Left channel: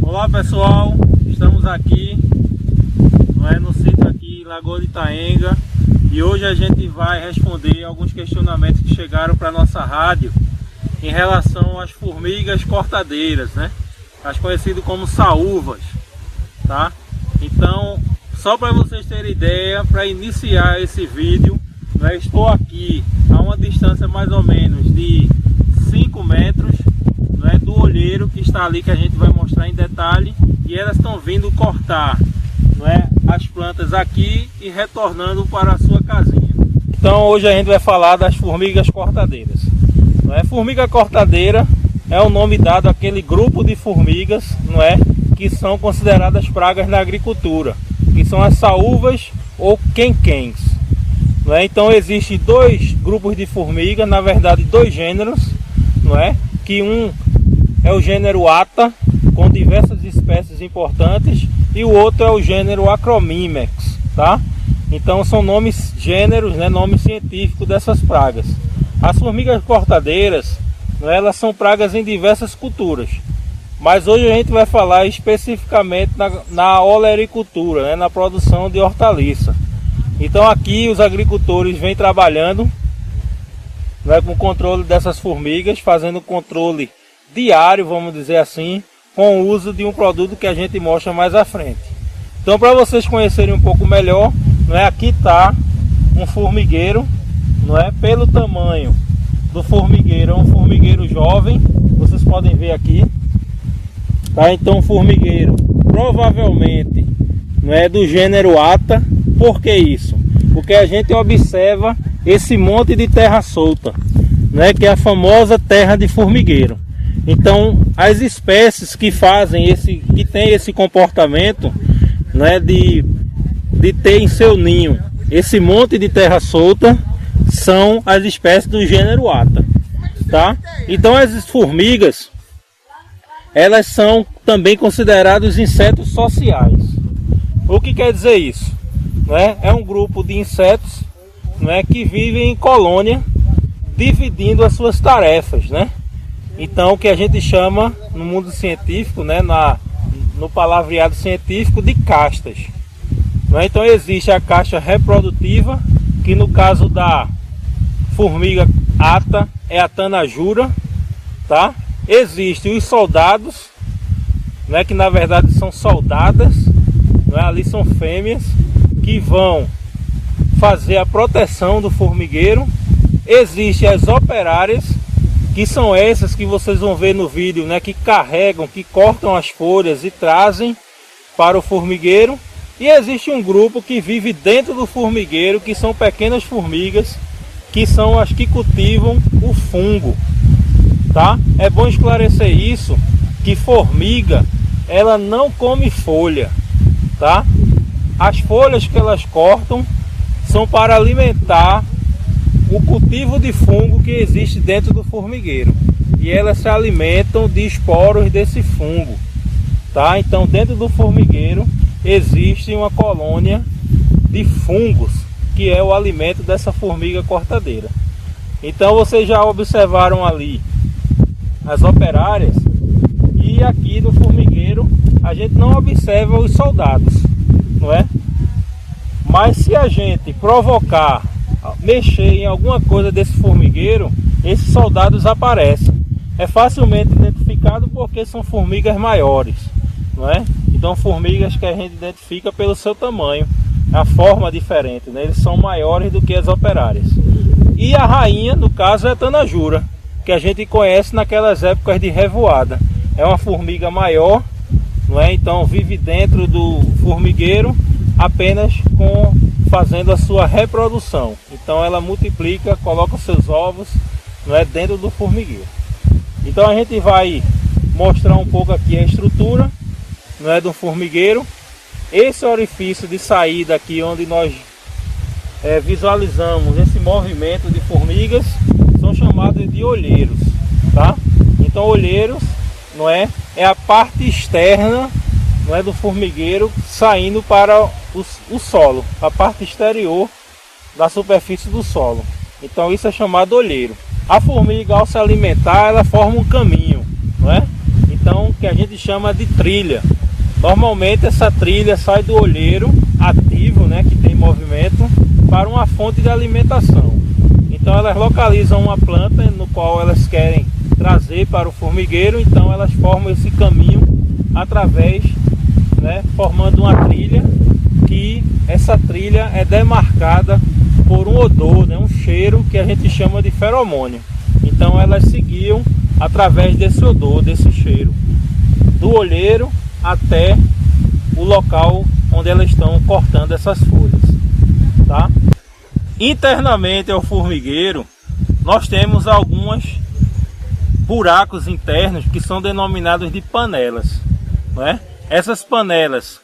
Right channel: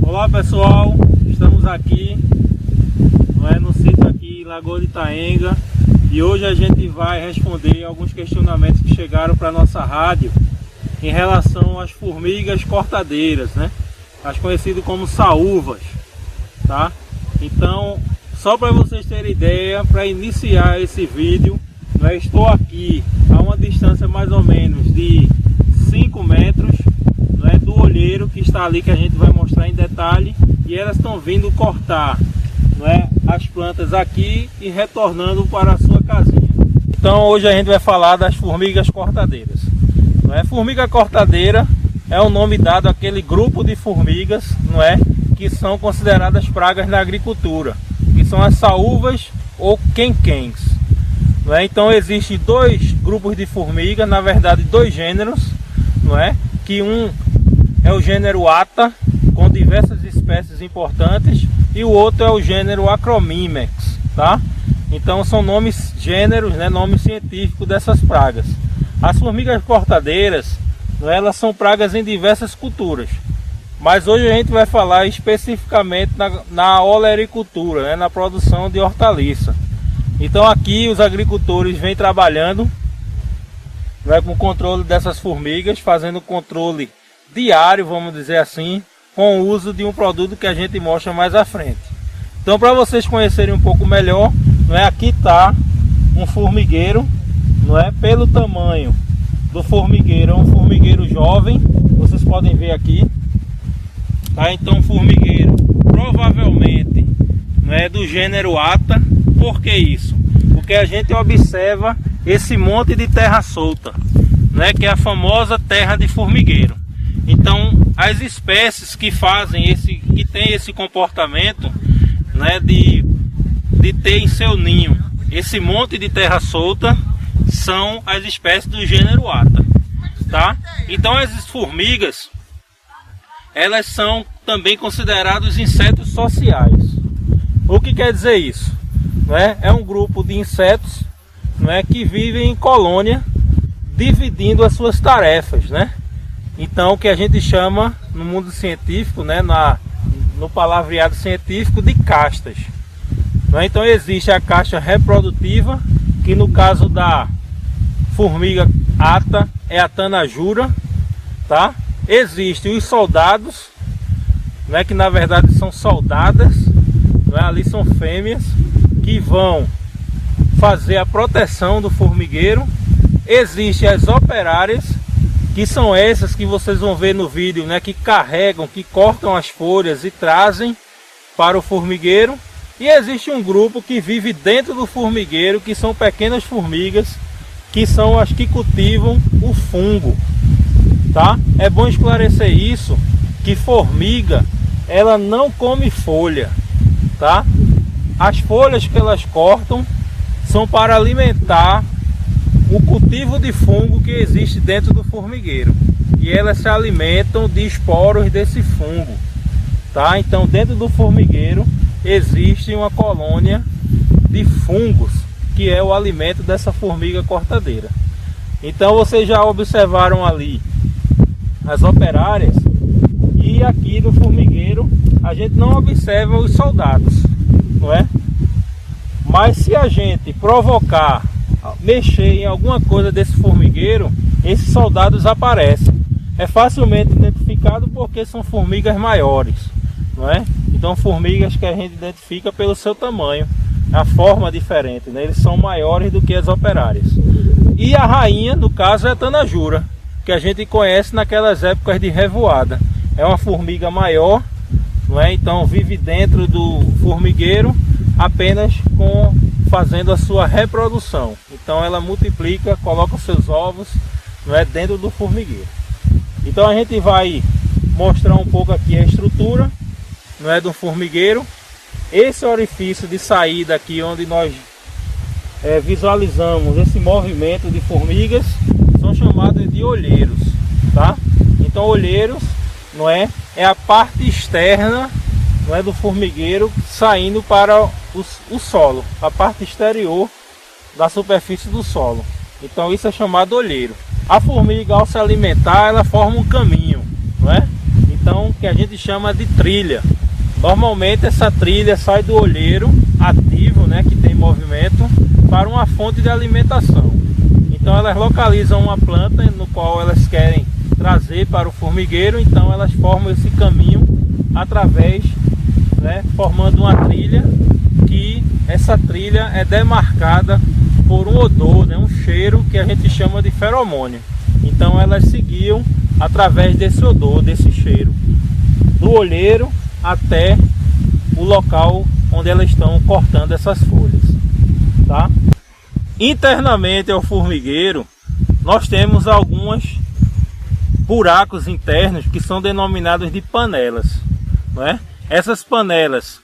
Olá pessoal, estamos aqui no sítio aqui em Lagoa de Itaenga e hoje a gente vai responder alguns questionamentos que chegaram para nossa rádio em relação às formigas cortadeiras, as conhecidas como saúvas, tá? Então, só para vocês terem ideia, para iniciar esse vídeo, estou aqui a uma distância mais ou menos de 5 metros do olheiro que está ali, que a gente vai mostrar em detalhe, e elas estão vindo cortar as plantas aqui e retornando para a sua casinha. Então hoje a gente vai falar das formigas cortadeiras. Formiga cortadeira é o nome dado àquele grupo de formigas que são consideradas pragas na agricultura, que são as saúvas ou quenquens. Então existem dois grupos de formigas, na verdade dois gêneros, que um é o gênero Atta, com diversas espécies importantes, e o outro é o gênero Acromimex, tá? Então são nomes gêneros, nome científico dessas pragas. As formigas cortadeiras, elas são pragas em diversas culturas, mas hoje a gente vai falar especificamente na olericultura, na produção de hortaliça. Então aqui os agricultores vêm trabalhando com o controle dessas formigas, fazendo controle diário, vamos dizer assim, com o uso de um produto que a gente mostra mais à frente. Então, para vocês conhecerem um pouco melhor, aqui está um formigueiro, pelo tamanho do formigueiro, é um formigueiro jovem, vocês podem ver aqui, tá? Então, um formigueiro provavelmente do gênero Atta. Por que isso? Porque a gente observa esse monte de terra solta, que é a famosa terra de formigueiro. Então, as espécies que têm esse comportamento, de ter em seu ninho esse monte de terra solta, são as espécies do gênero Atta, tá? Então, as formigas, elas são também consideradas insetos sociais. O que quer dizer isso? É um grupo de insetos, que vivem em colônia, dividindo as suas tarefas, Então, o que a gente chama no mundo científico, no palavreado científico, de castas. Então existe a casta reprodutiva, que no caso da formiga Atta é a Tanajura, tá? Existem os soldados, que na verdade são soldadas, ali são fêmeas, que vão fazer a proteção do formigueiro. Existem as operárias, que são essas que vocês vão ver no vídeo, que carregam, que cortam as folhas e trazem para o formigueiro. E existe um grupo que vive dentro do formigueiro, que são pequenas formigas, que são as que cultivam o fungo, tá? É bom esclarecer isso, que formiga, ela não come folha, tá? As folhas que elas cortam são para alimentar o cultivo de fungo que existe dentro do formigueiro, e elas se alimentam de esporos desse fungo, tá? Então dentro do formigueiro existe uma colônia de fungos, que é o alimento dessa formiga cortadeira. Então vocês já observaram ali as operárias, e aqui no formigueiro a gente não observa os soldados, mas se a gente provocar, mexer em alguma coisa desse formigueiro, esses soldados aparecem. É facilmente identificado porque são formigas maiores, Então formigas que a gente identifica pelo seu tamanho, a forma diferente, Eles são maiores do que as operárias. E a rainha, no caso, é a Tanajura, que a gente conhece naquelas épocas de revoada. É uma formiga maior, Então vive dentro do formigueiro apenas fazendo a sua reprodução. Então ela multiplica, coloca os seus ovos dentro do formigueiro. Então a gente vai mostrar um pouco aqui a estrutura do formigueiro. Esse orifício de saída aqui, onde nós visualizamos esse movimento de formigas, são chamados de olheiros, tá? Então olheiros é a parte externa do formigueiro saindo para o solo, a parte exterior da superfície do solo. Então isso é chamado olheiro. A formiga, ao se alimentar, ela forma um caminho, então, que a gente chama de trilha. Normalmente essa trilha sai do olheiro ativo, né, que tem movimento, para uma fonte de alimentação. Então elas localizam uma planta no qual elas querem trazer para o formigueiro, então elas formam esse caminho através, né, formando uma trilha, que essa trilha é demarcada por um odor, né, um cheiro que a gente chama de feromônio. Então elas seguiam através desse odor, desse cheiro, do olheiro até o local onde elas estão cortando essas folhas, tá? Internamente ao formigueiro, nós temos alguns buracos internos que são denominados de panelas, né? Essas panelas,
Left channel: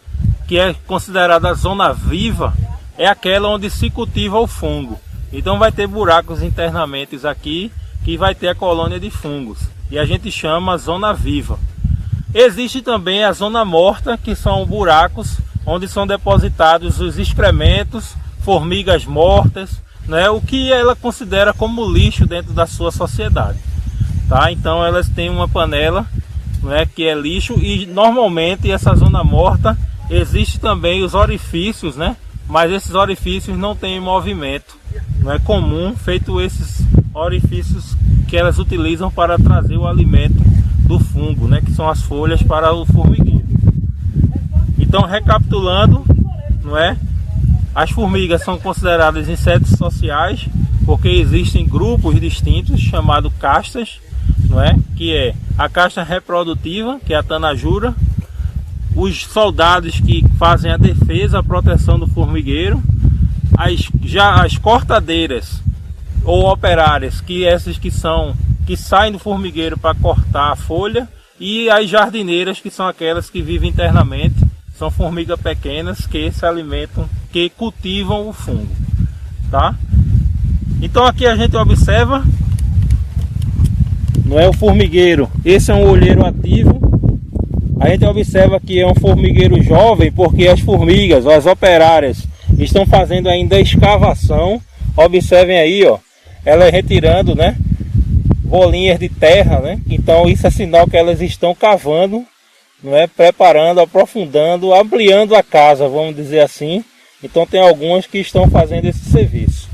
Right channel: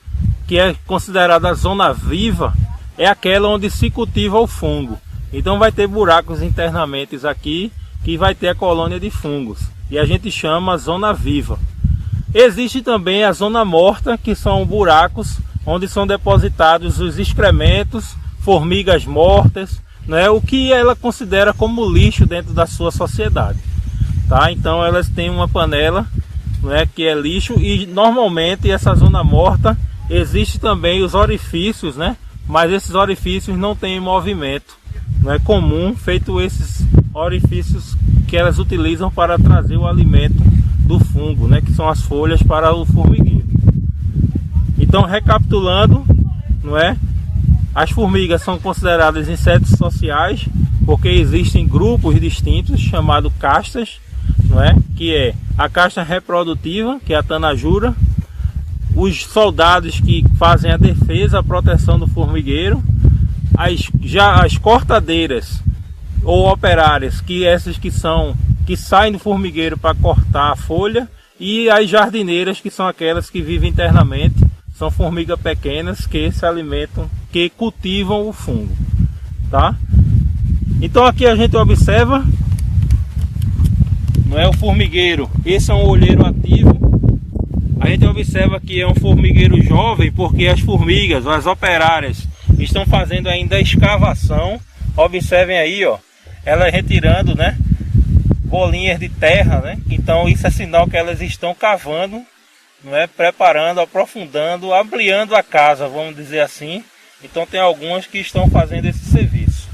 que é considerada a zona viva, é aquela onde se cultiva o fungo. Então vai ter buracos internamente aqui, que vai ter a colônia de fungos, e a gente chama a zona viva. Existe também a zona morta, que são buracos onde são depositados os excrementos, formigas mortas, né, o que ela considera como lixo dentro da sua sociedade, tá? Então elas têm uma panela, né, que é lixo, e normalmente essa zona morta existe também os orifícios, né, mas esses orifícios não têm movimento, não é comum, feito esses orifícios que elas utilizam para trazer o alimento do fungo, né, que são as folhas para o formigueiro. Então, recapitulando, não é? As formigas são consideradas insetos sociais porque existem grupos distintos chamados castas, não é? Que é a casta reprodutiva, que é a tanajura, os soldados que fazem a defesa, a proteção do formigueiro, as cortadeiras ou operárias, que essas que saem do formigueiro para cortar a folha, e as jardineiras, que são aquelas que vivem internamente, são formigas pequenas que se alimentam, que cultivam o fungo, tá? Então aqui a gente observa, não é, o formigueiro, esse é um olheiro ativo. A gente observa que é um formigueiro jovem porque as formigas, as operárias, estão fazendo ainda a escavação. Observem aí, ó, ela retirando, né, bolinhas de terra, né? Então isso é sinal que elas estão cavando, não é, preparando, aprofundando, ampliando a casa, vamos dizer assim. Então tem algumas que estão fazendo esse serviço,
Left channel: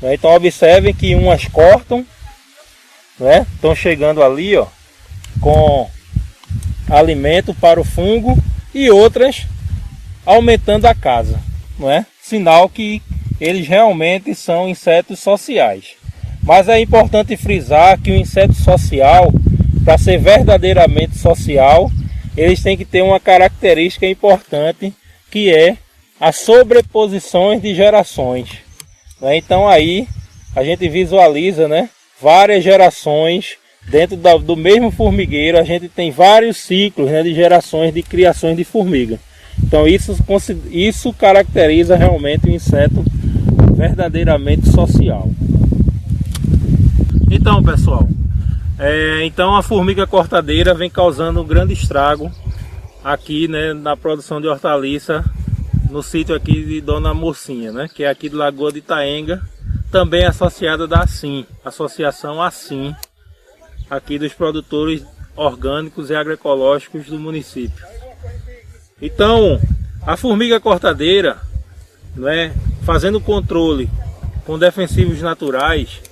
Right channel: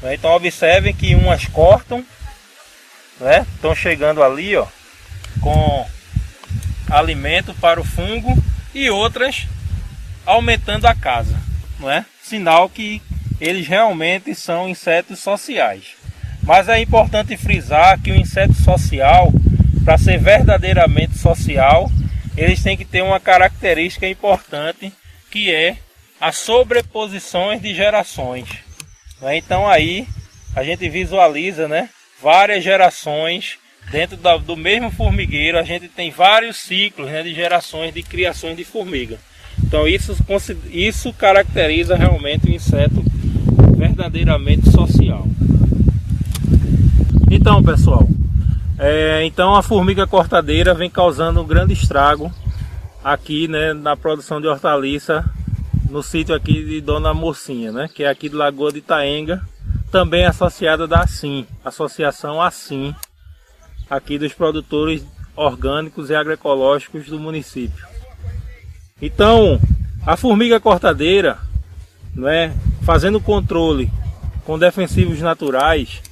né? Então observem que umas cortam, né? Estão chegando ali, ó, com alimento para o fungo, e outras aumentando a casa, não é? Sinal que eles realmente são insetos sociais. Mas é importante frisar que o inseto social, para ser verdadeiramente social, eles têm que ter uma característica importante, que é as sobreposições de gerações, né? Então aí a gente visualiza, né, várias gerações dentro do mesmo formigueiro. A gente tem vários ciclos, né, de gerações de criações de formiga. Então isso caracteriza realmente o inseto verdadeiramente social. Então, pessoal, então a formiga cortadeira vem causando um grande estrago aqui, né, na produção de hortaliça no sítio aqui de Dona Mocinha, né, que é aqui de Lagoa de Itaenga, também associada da ASSIM, Associação ASSIM, aqui dos produtores orgânicos e agroecológicos do município. Então, a formiga cortadeira, né, fazendo controle com defensivos naturais,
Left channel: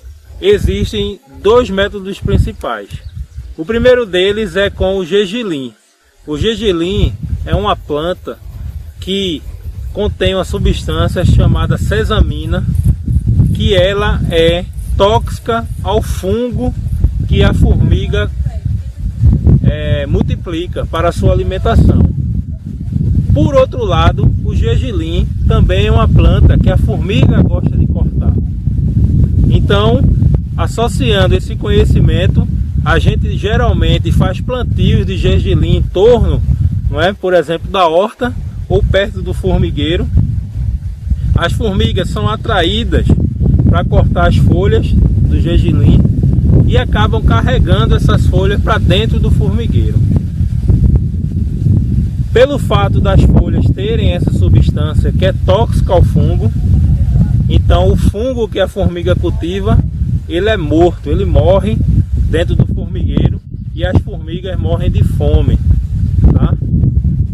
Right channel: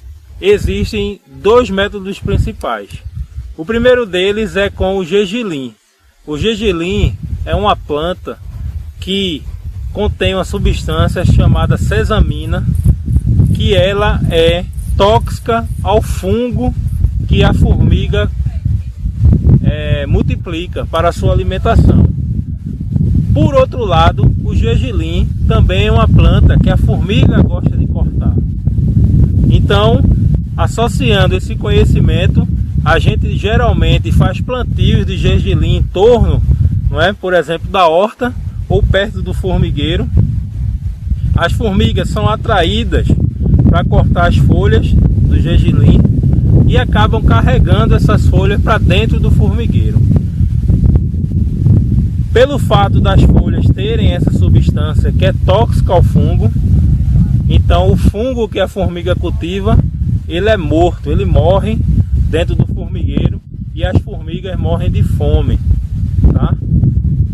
existem dois métodos principais. O primeiro deles é com o gergelim. O gergelim é uma planta que contém uma substância chamada sesamina, que ela é tóxica ao fungo que a formiga multiplica para a sua alimentação. Por outro lado, o gergelim também é uma planta que a formiga gosta de cortar. Então, associando esse conhecimento, a gente geralmente faz plantios de gergelim em torno, não é, por exemplo, da horta ou perto do formigueiro. As formigas são atraídas para cortar as folhas do gergelim e acabam carregando essas folhas para dentro do formigueiro. Pelo fato das folhas terem essa substância que é tóxica ao fungo, então o fungo que a formiga cultiva, ele é morto, ele morre dentro do formigueiro, e as formigas morrem de fome, tá?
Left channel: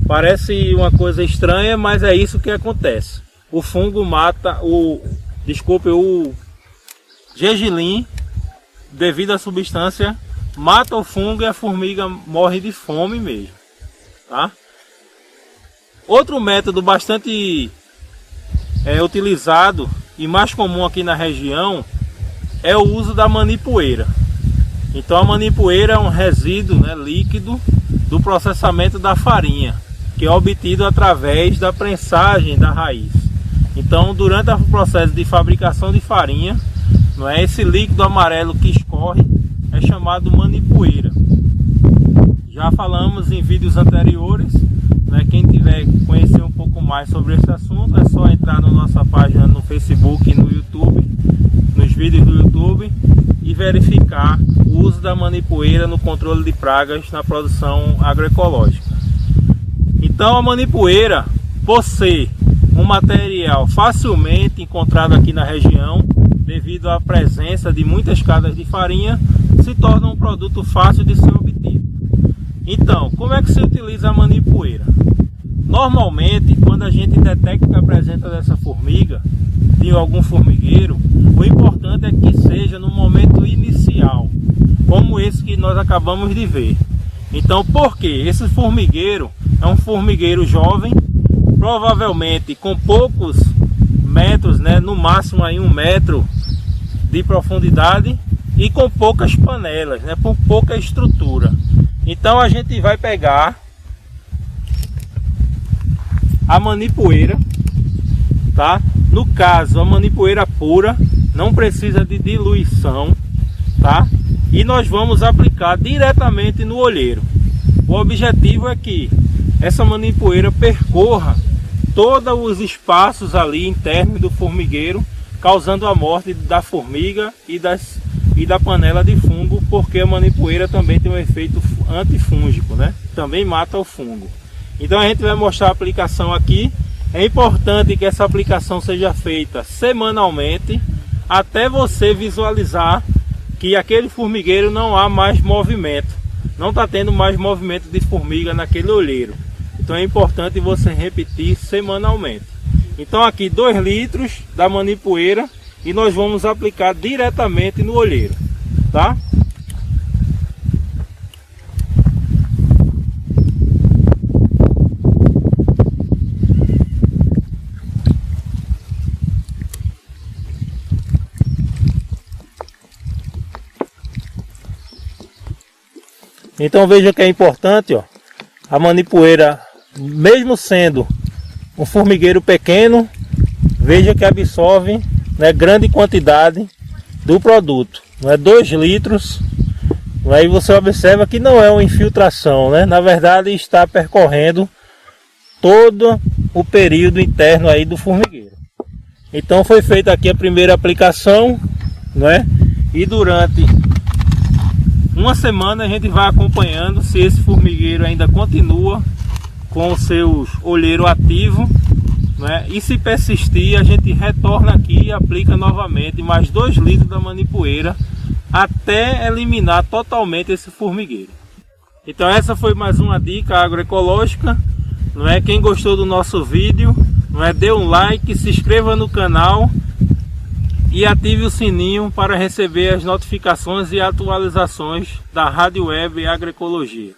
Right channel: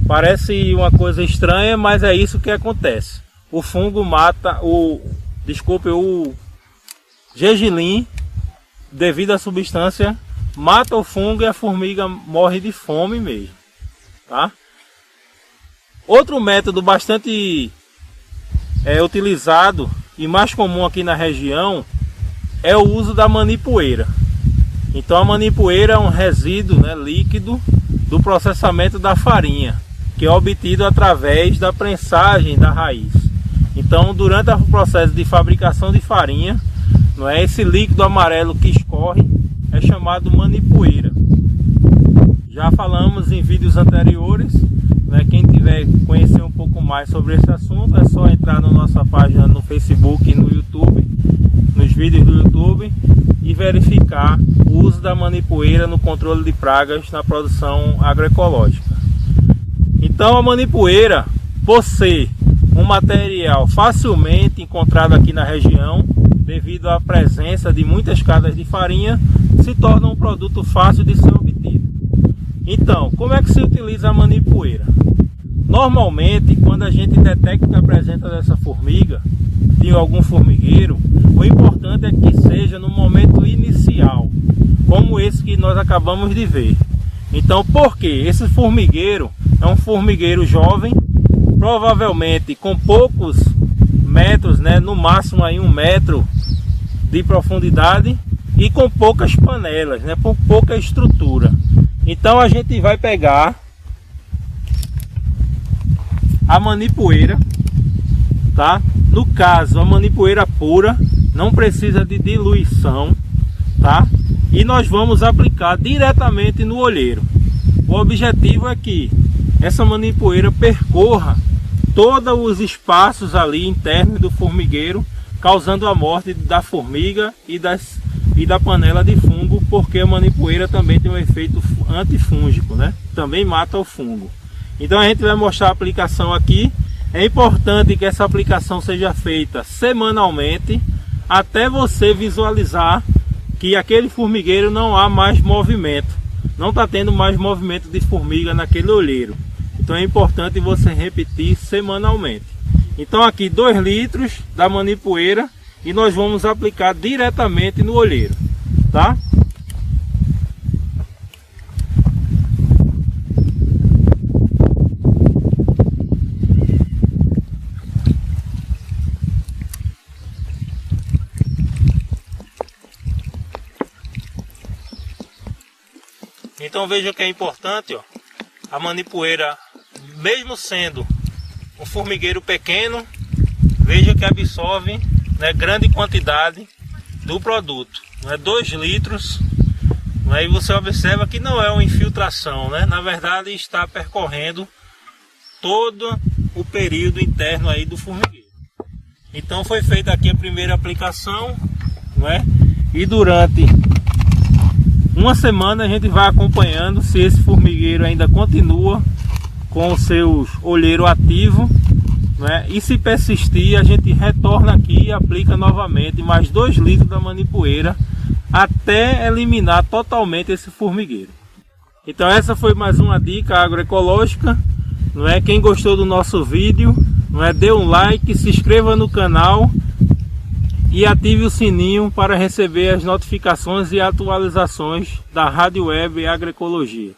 Parece uma coisa estranha, mas é isso que acontece. O fungo mata o gergelim, devido à substância, mata o fungo e a formiga morre de fome mesmo, tá? Outro método bastante utilizado e mais comum aqui na região é o uso da manipoeira. Então a manipoeira é um resíduo, né, líquido do processamento da farinha, que é obtido através da prensagem da raiz. Então durante o processo de fabricação de farinha, não é, esse líquido amarelo que escorre é chamado manipoeira. Já falamos em vídeos anteriores, né? Quem tiver conhecer um pouco mais sobre esse assunto é só entrar na nossa página no Facebook e no YouTube, nos vídeos do YouTube, e verificar o uso da manipoeira no controle de pragas na produção agroecológica. Então a manipoeira, por ser um material facilmente encontrado aqui na região, devido à presença de muitas casas de farinha, se torna um produto fácil de ser obtido. Então, como é que se utiliza a manipoeira? Normalmente, quando a gente detecta a presença dessa formiga, de algum formigueiro, o importante é que seja no momento inicial, como esse que nós acabamos de ver. Então, por quê? Esse formigueiro é um formigueiro jovem, provavelmente com poucos metros, né, no máximo aí 1 metro de profundidade, e com poucas panelas, né, por pouca estrutura. Então a gente vai pegar a manipoeira, tá? No caso, a manipoeira pura, não precisa de diluição, tá? E nós vamos aplicar diretamente no olheiro. O objetivo é que essa manipoeira percorra todos os espaços ali internos do formigueiro, causando a morte da formiga e da panela de fungo, porque a manipoeira também tem um efeito antifúngico, né? Também mata o fungo. Então a gente vai mostrar a aplicação aqui. É importante que essa aplicação seja feita semanalmente, até você visualizar que aquele formigueiro não há mais movimento, não está tendo mais movimento de formiga naquele olheiro. Então é importante você repetir semanalmente. Então aqui 2 litros da manipoeira, e nós vamos aplicar diretamente no olheiro, tá? Então veja que é importante, ó, a manipoeira, mesmo sendo um formigueiro pequeno, veja que absorve, né, grande quantidade do produto, não é 2 litros, aí você observa que não é uma infiltração, né? Na verdade está percorrendo todo o período interno aí do formigueiro. Então foi feita aqui a primeira aplicação, né? E durante uma semana a gente vai acompanhando se esse formigueiro ainda continua com o seu olheiro ativo, né? E se persistir, a gente retorna aqui e aplica novamente mais 2 litros da manipoeira até eliminar totalmente esse formigueiro. Então essa foi mais uma dica agroecológica, não é? Quem gostou do nosso vídeo, não é? Dê um like, se inscreva no canal e ative o sininho para receber as notificações e atualizações da Rádio Web Agroecologia.